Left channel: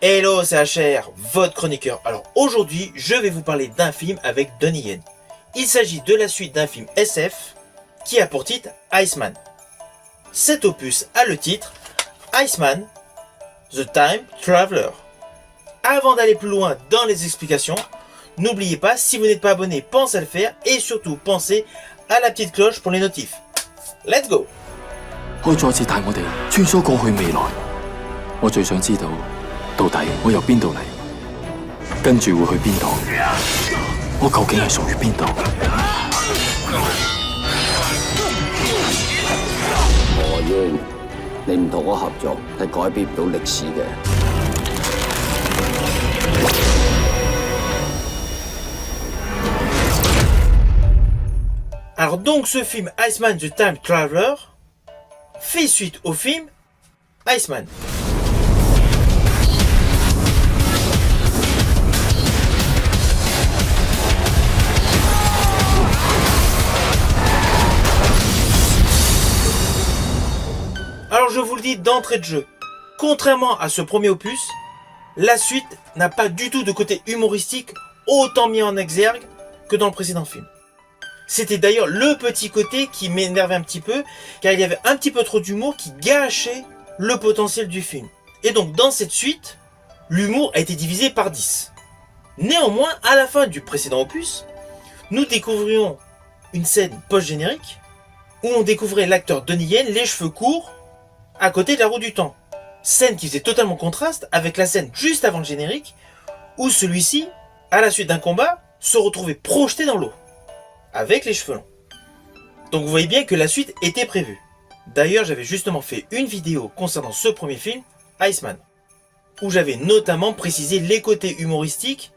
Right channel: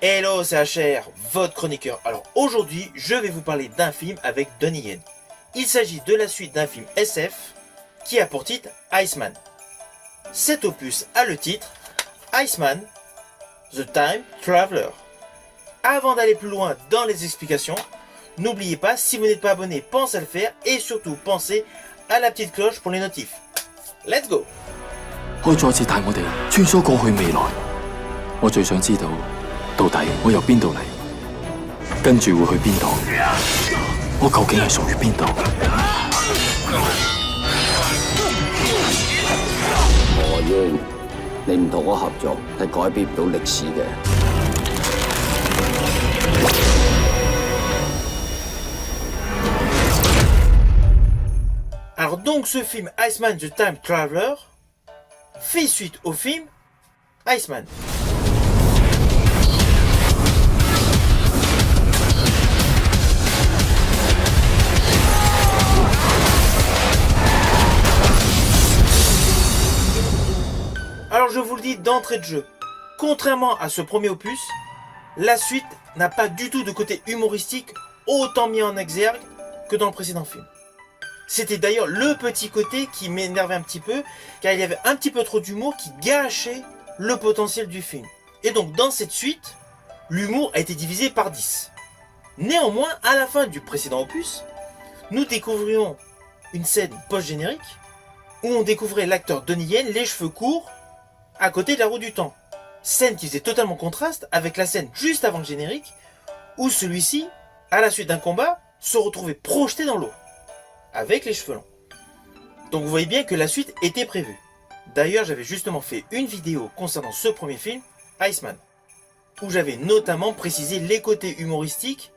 Hello, c'est HR, votre chroniqueur. Alors aujourd'hui, je vais vous parler d'un film avec Donnie Yen. Il s'agit de la suite d'un film SF qui a pour titre Iceman. Cet opus a le titre Iceman, The Time Traveler. Avant d'aller plus loin dans les explications, n'oubliez pas, si vous n'êtes pas abonné, pensez à le faire et surtout pensez à la petite cloche pour les notifs. Let's go! 可以再次帶我哋穿梭過去未來。我最想知道，到底我由邊度嚟，跟住會去邊度？我究竟係屬於邊度？何英，你唔同我合作係改變唔到歷史嘅。 Alors donc ce film Iceman The Time Traveler fait suite au film Iceman. Alors je vous le dis d'entrée de jeu, contrairement à ce premier opus, la suite n'a pas du tout de côté humoristique autant mis en exergue que dans le précédent film. C'était d'ailleurs le petit côté qui m'énervait un petit peu, car il y avait un petit peu trop d'humour qui gâchait le potentiel du film. Et donc dans cette suite, l'humour a été divisé par 10. Néanmoins, à la fin du précédent opus, nous découvrions une scène post-générique où on découvrait l'acteur Donnie Yen, les cheveux courts, à côté de la roue du temps. Scène qui faisait totalement contraste avec la scène juste avant le générique, où celui-ci, à la suite d'un combat, se retrouvait projeté dans l'eau, avec les cheveux longs. Donc vous voyez bien que la suite était prévue. D'ailleurs, j'avais justement fait une vidéo concernant ce premier film, Iceman, où j'avais notamment précisé les côtés humoristiques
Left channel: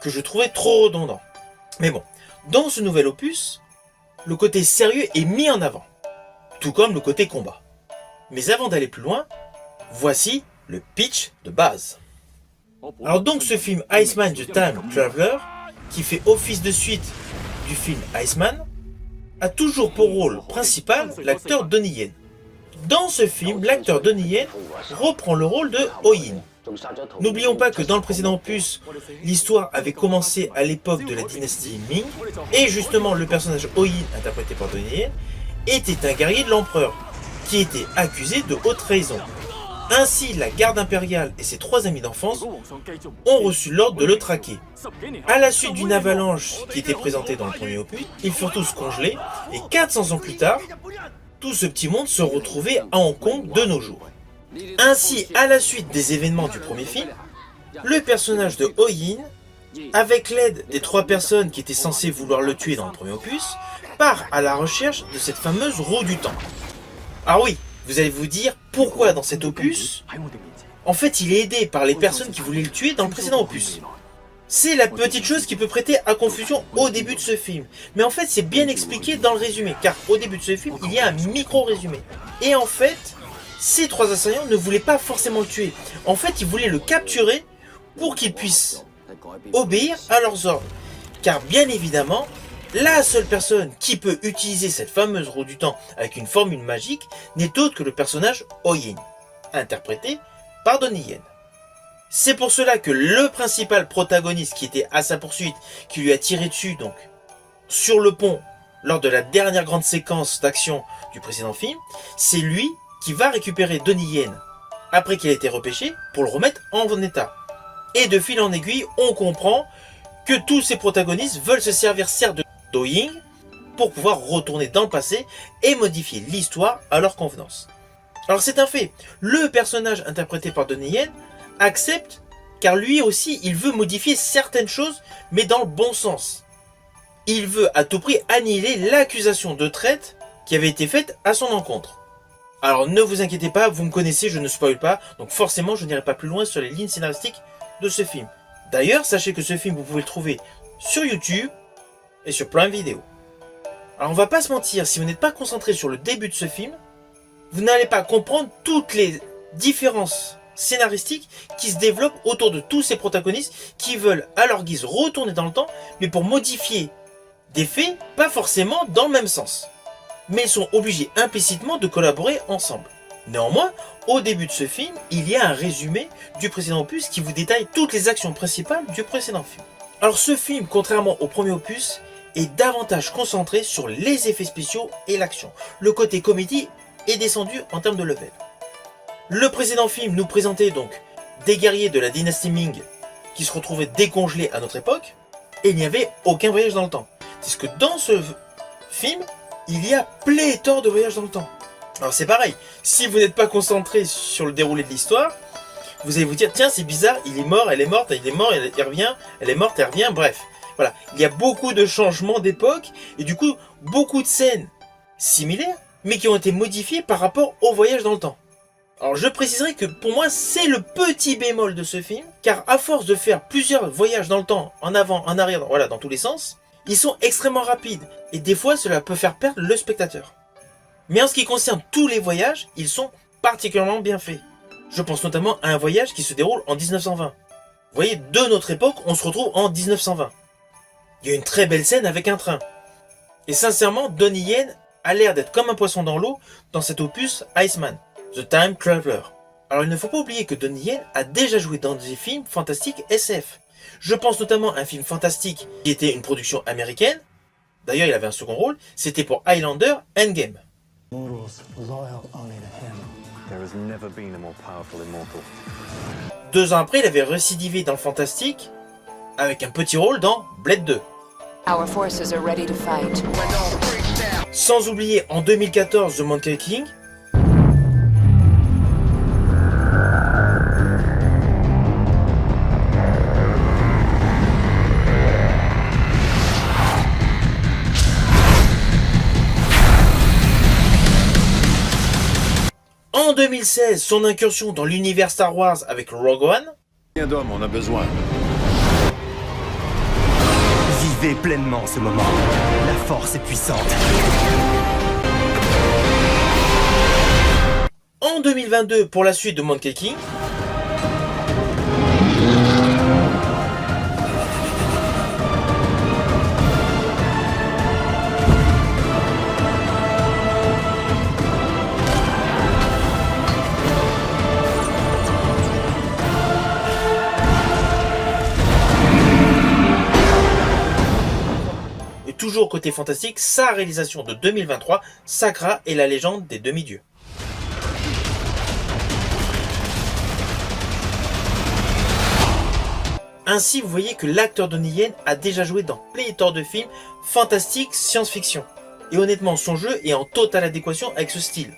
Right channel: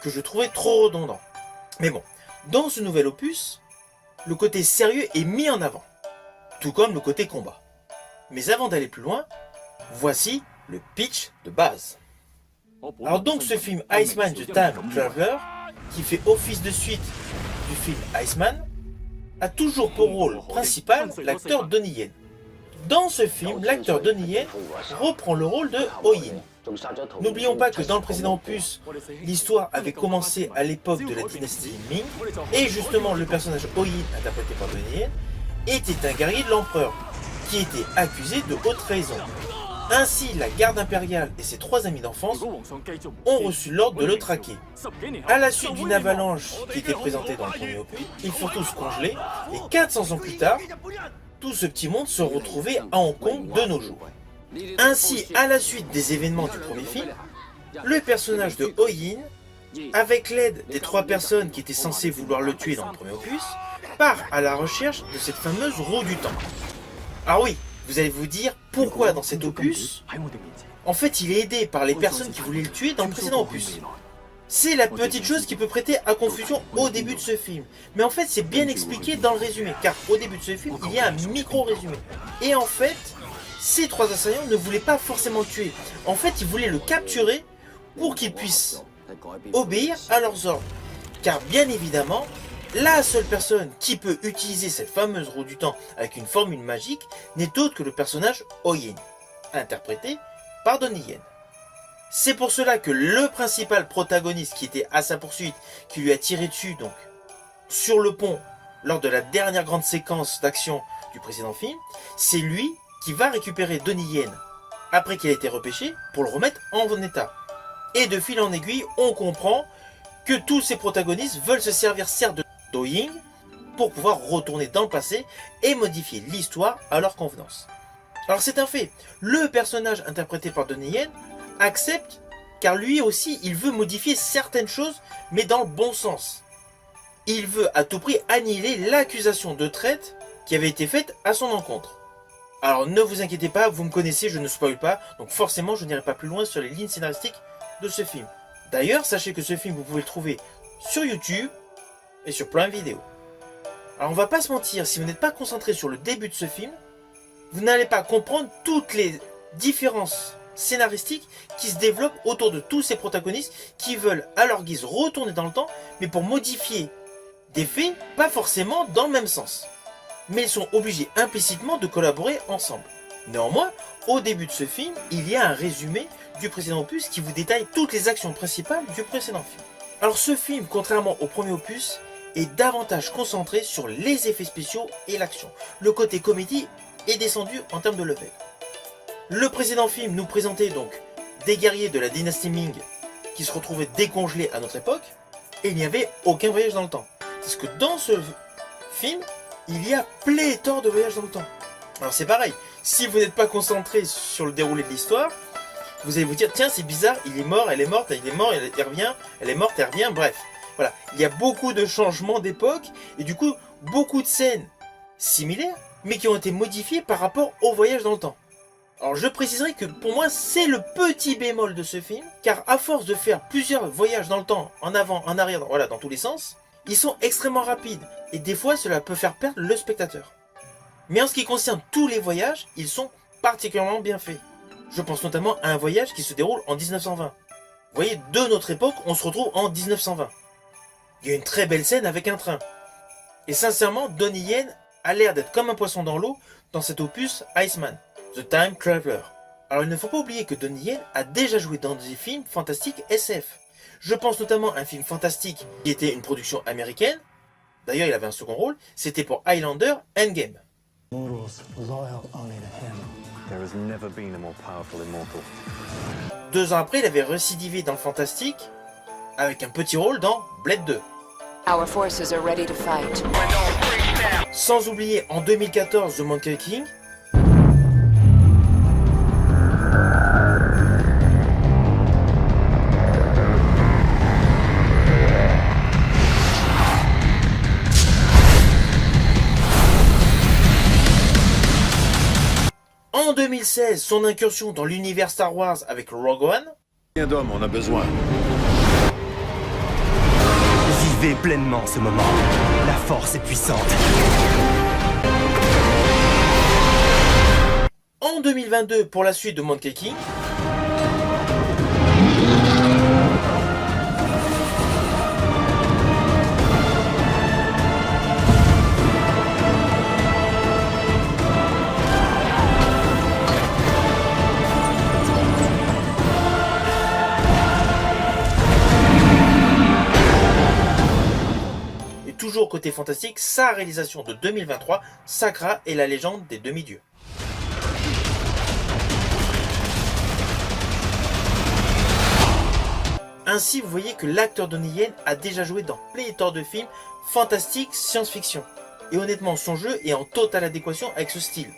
que je trouvais trop redondants. Mais bon, dans ce nouvel opus, le côté sérieux est mis en avant, tout comme le côté combat. Mais avant d'aller plus loin, voici le pitch de base. Alors donc ce film Iceman The Time Traveler, qui fait office de suite du film Iceman, a toujours pour rôle principal l'acteur Donnie Yen. Dans ce film, l'acteur Donnie Yen reprend le rôle de Ho-Yin. N'oublions pas que dans le précédent opus, l'histoire avait commencé à l'époque de la dynastie Ming, et justement le personnage Ho-Yin, interprété par Donnie Yen, était un guerrier de l'empereur, qui était accusé de haute trahison. Ainsi, la garde impériale et ses 3 amis d'enfance ont reçu l'ordre de le traquer. À la suite d'une avalanche qui était présentée dans le premier opus, ils furent tous congelés et 400 ans plus tard, tout ce petit monde se retrouvait à Hong Kong de nos jours. Ainsi, à la suite des événements du premier film, le personnage de Ho-Yin, avec l'aide des 3 personnes qui étaient censées vouloir le tuer dans le premier opus, part à la recherche de cette fameuse roue du temps. Ah oui, vous allez vous dire pourquoi dans cet opus, en fait il est aidé par les personnes qui voulaient le tuer dans le précédent opus. C'est la petite chose qui peut prêter à confusion au début de ce film. Mais en fait c'est bien expliqué dans le résumé, car au début de ce film il y a un micro-résumé. Et en fait, ces 3 assaillants ne voulaient pas forcément le tuer. En fait ils voulaient le capturer pour qu'il puisse obéir à leurs ordres. Car bien évidemment, la seule personne qui peut utiliser cette fameuse roue du temps avec une formule magique n'est autre que le personnage Ho-Yin, interprété par Donnie Yen. C'est pour cela que le principal protagoniste qui était à sa poursuite, qui lui a tiré dessus donc sur le pont lors de la dernière grande séquence d'action du précédent film, c'est lui qui va récupérer Donnie Yen après qu'il a été repêché pour le remettre en bon état. Et de fil en aiguille, on comprend que tous ces protagonistes veulent se servir certes de Ho-Yin pour pouvoir retourner dans le passé et modifier l'histoire à leur convenance. Alors c'est un fait, le personnage interprété par Donnie Yen accepte, car lui aussi il veut modifier certaines choses mais dans le bon sens. Il veut à tout prix annihiler l'accusation de traite qui avait été faite à son encontre. Alors ne vous inquiétez pas, vous me connaissez, je ne spoil pas, donc forcément je n'irai pas plus loin sur les lignes scénaristiques de ce film. D'ailleurs, sachez que ce film vous pouvez le trouver sur YouTube et sur Prime Video. Alors on va pas se mentir, si vous n'êtes pas concentré sur le début de ce film, vous n'allez pas comprendre toutes les différences scénaristiques qui se développent autour de tous ces protagonistes qui veulent à leur guise retourner dans le temps, mais pour modifier des faits, pas forcément dans le même sens. Mais ils sont obligés implicitement de collaborer ensemble. Néanmoins, au début de ce film, il y a un résumé du précédent opus qui vous détaille toutes les actions principales du précédent film. Alors ce film, contrairement au premier opus, est davantage concentré sur les effets spéciaux et l'action. Le côté comédie est descendu en termes de level. Le précédent film nous présentait donc des guerriers de la dynastie Ming qui se retrouvaient décongelés à notre époque, et il n'y avait aucun voyage dans le temps. C'est que dans ce film, il y a pléthore de voyages dans le temps. Alors c'est pareil, si vous n'êtes pas concentré sur le déroulé de l'histoire, vous allez vous dire, tiens c'est bizarre, il est mort, elle est morte, il est mort, elle revient, elle est morte, elle revient, bref. Voilà, il y a beaucoup de changements d'époque, et du coup, beaucoup de scènes similaires, mais qui ont été modifiées par rapport au voyage dans le temps. Alors je préciserai que pour moi, c'est le petit bémol de ce film, car à force de faire plusieurs voyages dans le temps, en avant, en arrière, voilà, dans tous les sens, ils sont extrêmement rapides, et des fois cela peut faire perdre le spectateur. Mais en ce qui concerne tous les voyages, ils sont particulièrement bien faits. Je pense notamment à un voyage qui se déroule en 1920. Vous voyez, de notre époque, on se retrouve en 1920. Il y a une très belle scène avec un train. Et sincèrement, Donnie Yen a l'air d'être comme un poisson dans l'eau dans cet opus Iceman, The Time Traveler. Alors il ne faut pas oublier que Donnie Yen a déjà joué dans des films fantastiques SF. Je pense notamment à un film fantastique qui était une production américaine. D'ailleurs, il avait un second rôle. C'était pour Highlander Endgame. Mortals loyal only to him. There has never been a more powerful immortal. 2 ans après, il avait récidivé dans le fantastique avec un petit rôle dans Blade 2. Our forces are ready to fight. Sans oublier en 2014 The Monkey King. En 2016, son incursion dans l'univers Star Wars avec Rogue One. Combien d'hommes on a besoin? Vivez pleinement ce moment. La force est puissante. En 2022, pour la suite de Monkey King. Toujours côté fantastique, sa réalisation de 2023, Sakra et la légende des demi-dieux. Ainsi, vous voyez que l'acteur Donnie Yen a déjà joué dans pléthore de films fantastiques science-fiction. Et honnêtement, son jeu est en totale adéquation avec ce style.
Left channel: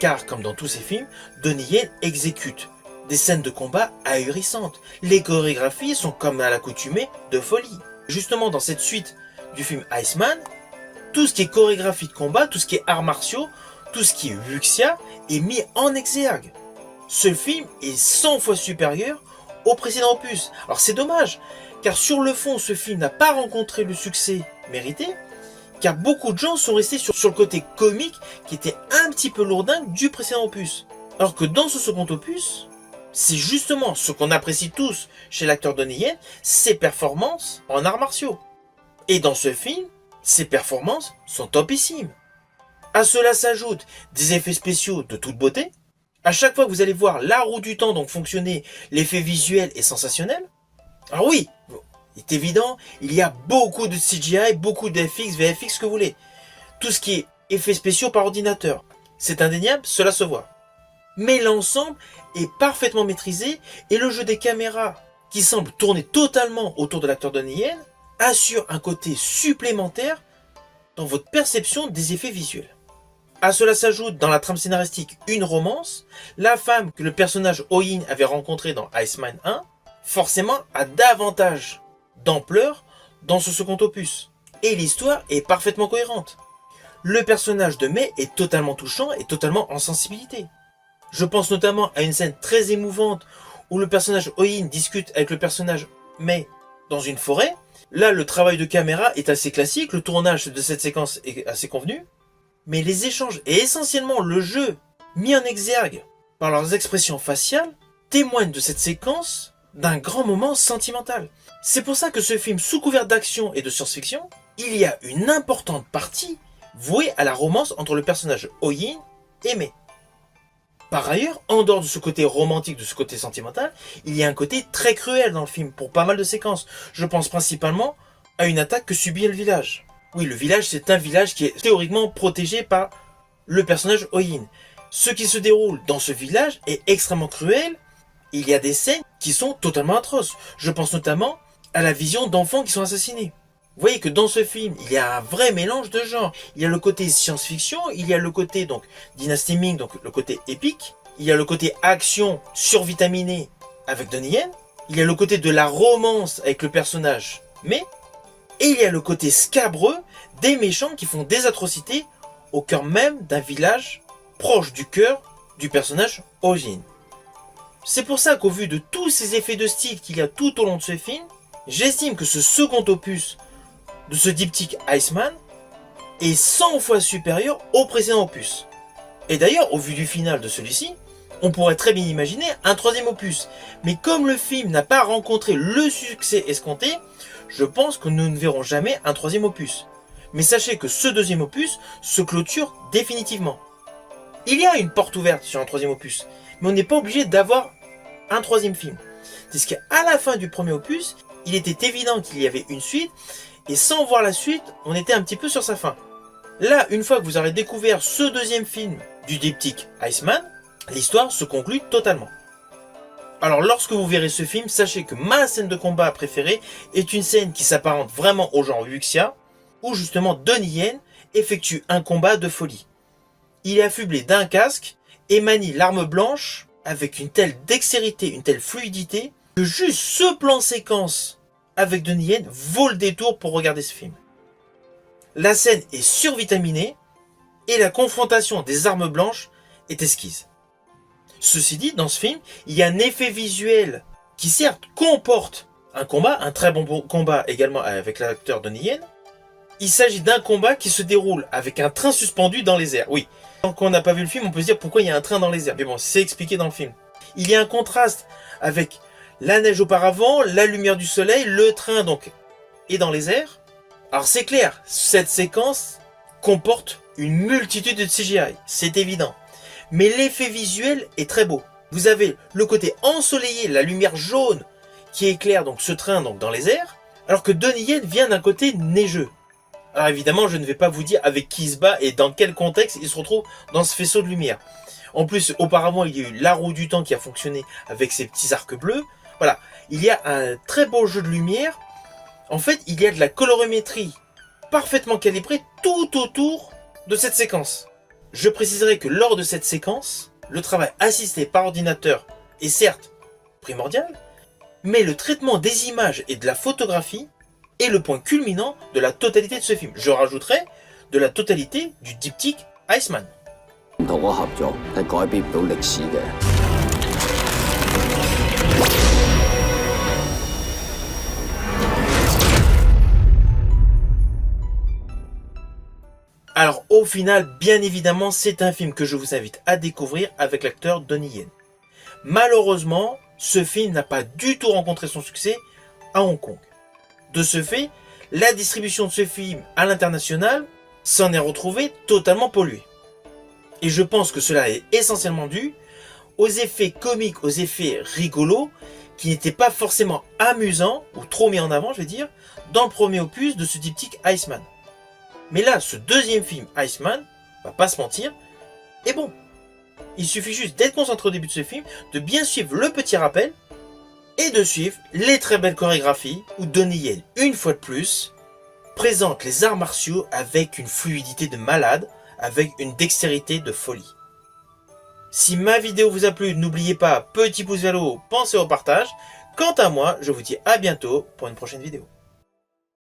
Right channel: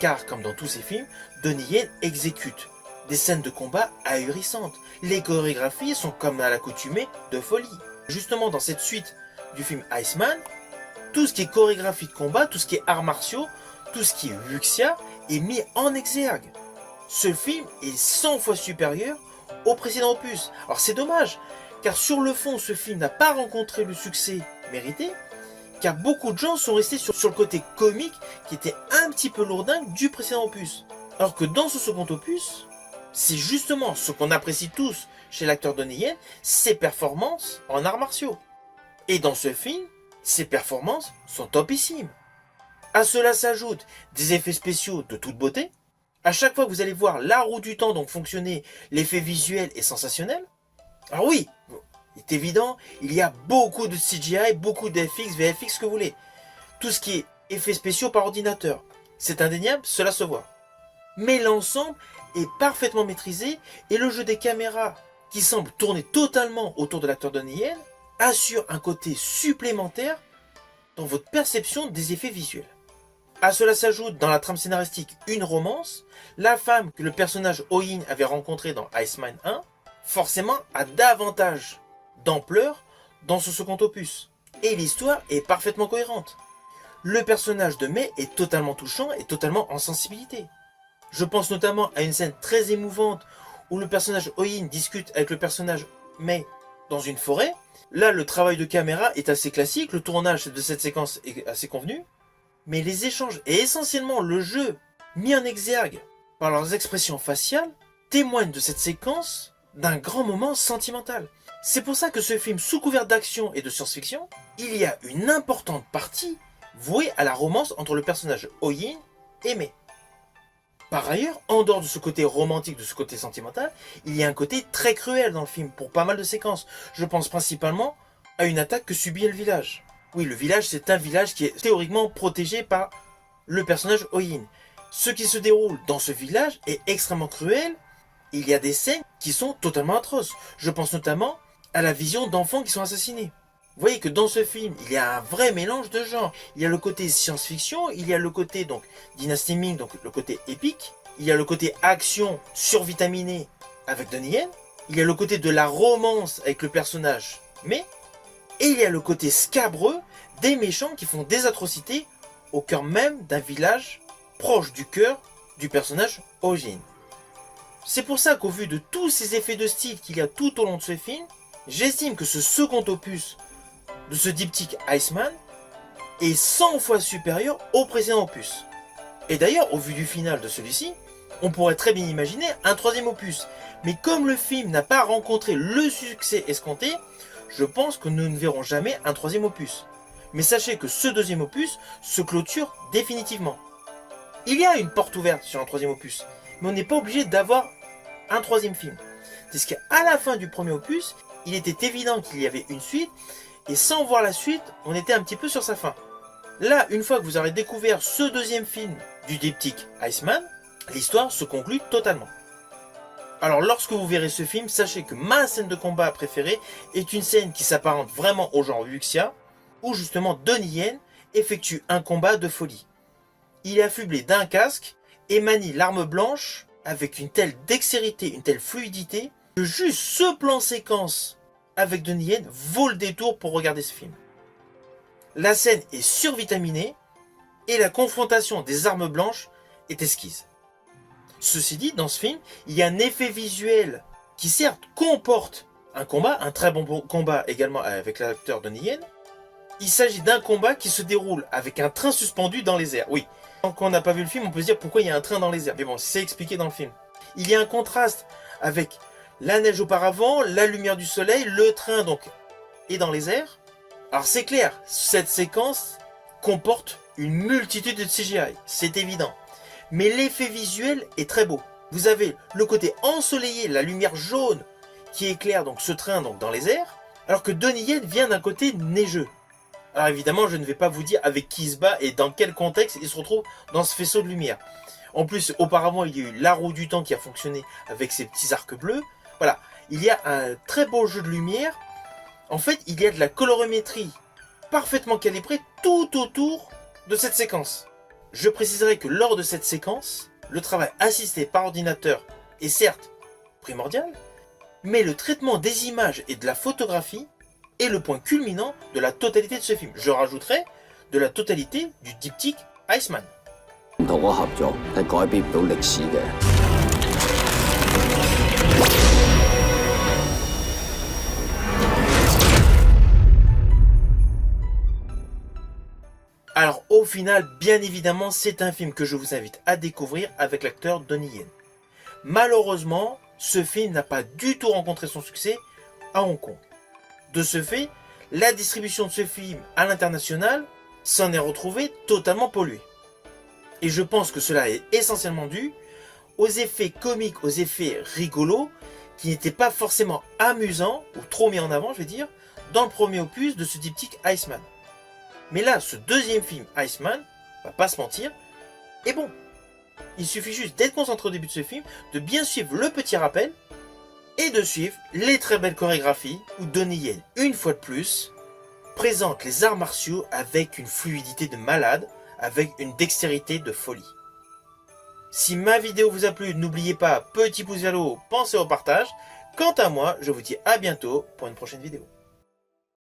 Car, comme dans tous ses films, Donnie Yen exécute des scènes de combat ahurissantes. Les chorégraphies sont comme à l'accoutumée de folie. Justement, dans cette suite du film Iceman, tout ce qui est chorégraphie de combat, tout ce qui est arts martiaux, tout ce qui est wuxia est mis en exergue. Ce film est 100 fois supérieur au précédent opus. Alors c'est dommage, car sur le fond, ce film n'a pas rencontré le succès mérité, car beaucoup de gens sont restés sur le côté comique qui était un petit peu lourdin du précédent opus. Alors que dans ce second opus, c'est justement ce qu'on apprécie tous chez l'acteur Donnie Yen, ses performances en arts martiaux. Et dans ce film, ses performances sont topissimes. À cela s'ajoutent des effets spéciaux de toute beauté. À chaque fois que vous allez voir la roue du temps donc fonctionner, l'effet visuel est sensationnel. Alors oui, il est évident, il y a beaucoup de CGI, beaucoup d'FX, VFX, ce que vous voulez. Tout ce qui est effets spéciaux par ordinateur, c'est indéniable, cela se voit. Mais l'ensemble est parfaitement maîtrisé et le jeu des caméras, qui semble tourner totalement autour de l'acteur Donnie Yen, assure un côté supplémentaire dans votre perception des effets visuels. À cela s'ajoute dans la trame scénaristique une romance. La femme que le personnage Oin avait rencontrée dans Iceman 1, forcément a davantage d'ampleur dans ce second opus. Et l'histoire est parfaitement cohérente. Le personnage de Mei est totalement touchant et totalement en sensibilité. Je pense notamment à une scène très émouvante où le personnage Oin discute avec le personnage Mei dans une forêt. Là, le travail de caméra est assez classique, le tournage de cette séquence est assez convenu, mais les échanges et essentiellement le jeu mis en exergue par leurs expressions faciales témoignent de cette séquence d'un grand moment sentimental. C'est pour ça que ce film, sous couvert d'action et de science-fiction, il y a une importante partie vouée à la romance entre le personnage Oin et Mei. Par ailleurs, en dehors de ce côté romantique, de ce côté sentimental, il y a un côté très cruel dans le film pour pas mal de séquences. Je pense principalement à une attaque que subit le village. Oui, le village, c'est un village qui est théoriquement protégé par le personnage Oyin. Ce qui se déroule dans ce village est extrêmement cruel. Il y a des scènes qui sont totalement atroces. Je pense notamment à la vision d'enfants qui sont assassinés. Vous voyez que dans ce film, il y a un vrai mélange de genres. Il y a le côté science-fiction, il y a le côté donc Dynasty Ming, donc le côté épique. Il y a le côté action survitaminée avec Donnie Yen. Il y a le côté de la romance avec le personnage mais. Et il y a le côté scabreux des méchants qui font des atrocités au cœur même d'un village proche du cœur du personnage Ojin. C'est pour ça qu'au vu de tous ces effets de style qu'il y a tout au long de ce film, j'estime que ce second opus de ce diptyque Iceman est 100 fois supérieur au précédent opus. Et d'ailleurs, au vu du final de celui-ci, on pourrait très bien imaginer un troisième opus. Mais comme le film n'a pas rencontré le succès escompté, je pense que nous ne verrons jamais un troisième opus. Mais sachez que ce deuxième opus se clôture définitivement. Il y a une porte ouverte sur un troisième opus, mais on n'est pas obligé d'avoir un troisième film. Puisqu'à la fin du premier opus, il était évident qu'il y avait une suite, et sans voir la suite, on était un petit peu sur sa fin. Là, une fois que vous aurez découvert ce deuxième film du diptyque Iceman, l'histoire se conclut totalement. Alors lorsque vous verrez ce film, sachez que ma scène de combat préférée est une scène qui s'apparente vraiment au genre Wuxia, où justement Donnie Yen effectue un combat de folie. Il est affublé d'un casque et manie l'arme blanche avec une telle dextérité, une telle fluidité, que juste ce plan séquence avec Donnie Yen vaut le détour pour regarder ce film. La scène est survitaminée et la confrontation des armes blanches est esquisse. Ceci dit, dans ce film, il y a un effet visuel qui certes comporte un combat, un très bon combat également avec l'acteur Donnie Yen. Il s'agit d'un combat qui se déroule avec un train suspendu dans les airs. Oui, tant qu'on n'a pas vu le film, on peut se dire pourquoi il y a un train dans les airs. Mais bon, c'est expliqué dans le film. Il y a un contraste avec la neige auparavant, la lumière du soleil, le train donc est dans les airs. Alors c'est clair, cette séquence comporte une multitude de CGI, c'est évident. Mais l'effet visuel est très beau. Vous avez le côté ensoleillé, la lumière jaune qui éclaire donc ce train donc dans les airs, alors que Donnie Yen vient d'un côté neigeux. Alors évidemment, je ne vais pas vous dire avec qui il se bat et dans quel contexte il se retrouve dans ce faisceau de lumière. En plus, auparavant, il y a eu la roue du temps qui a fonctionné avec ses petits arcs bleus. Voilà, il y a un très beau jeu de lumière. En fait, il y a de la colorimétrie parfaitement calibrée tout autour de cette séquence. Je préciserai que lors de cette séquence, le travail assisté par ordinateur est certes primordial, mais le traitement des images et de la photographie est le point culminant de la totalité de ce film. Je rajouterai de la totalité du diptyque Iceman. 唔同我合作係改變唔到歷史嘅。 Alors au final, bien évidemment, c'est un film que je vous invite à découvrir avec l'acteur Donnie Yen. Malheureusement, ce film n'a pas du tout rencontré son succès à Hong Kong. De ce fait, la distribution de ce film à l'international s'en est retrouvée totalement polluée. Et je pense que cela est essentiellement dû aux effets comiques, aux effets rigolos, qui n'étaient pas forcément amusants, ou trop mis en avant, je vais dire, dans le premier opus de ce diptyque Iceman. Mais là, ce deuxième film, Iceman, va pas se mentir, est bon. Il suffit juste d'être concentré au début de ce film, de bien suivre le petit rappel, et de suivre les très belles chorégraphies, où Donnie Yen, une fois de plus, présente les arts martiaux avec une fluidité de malade, avec une dextérité de folie. Si ma vidéo vous a plu, n'oubliez pas, petit pouce vers le haut, pensez au partage. Quant à moi, je vous dis à bientôt pour une prochaine vidéo.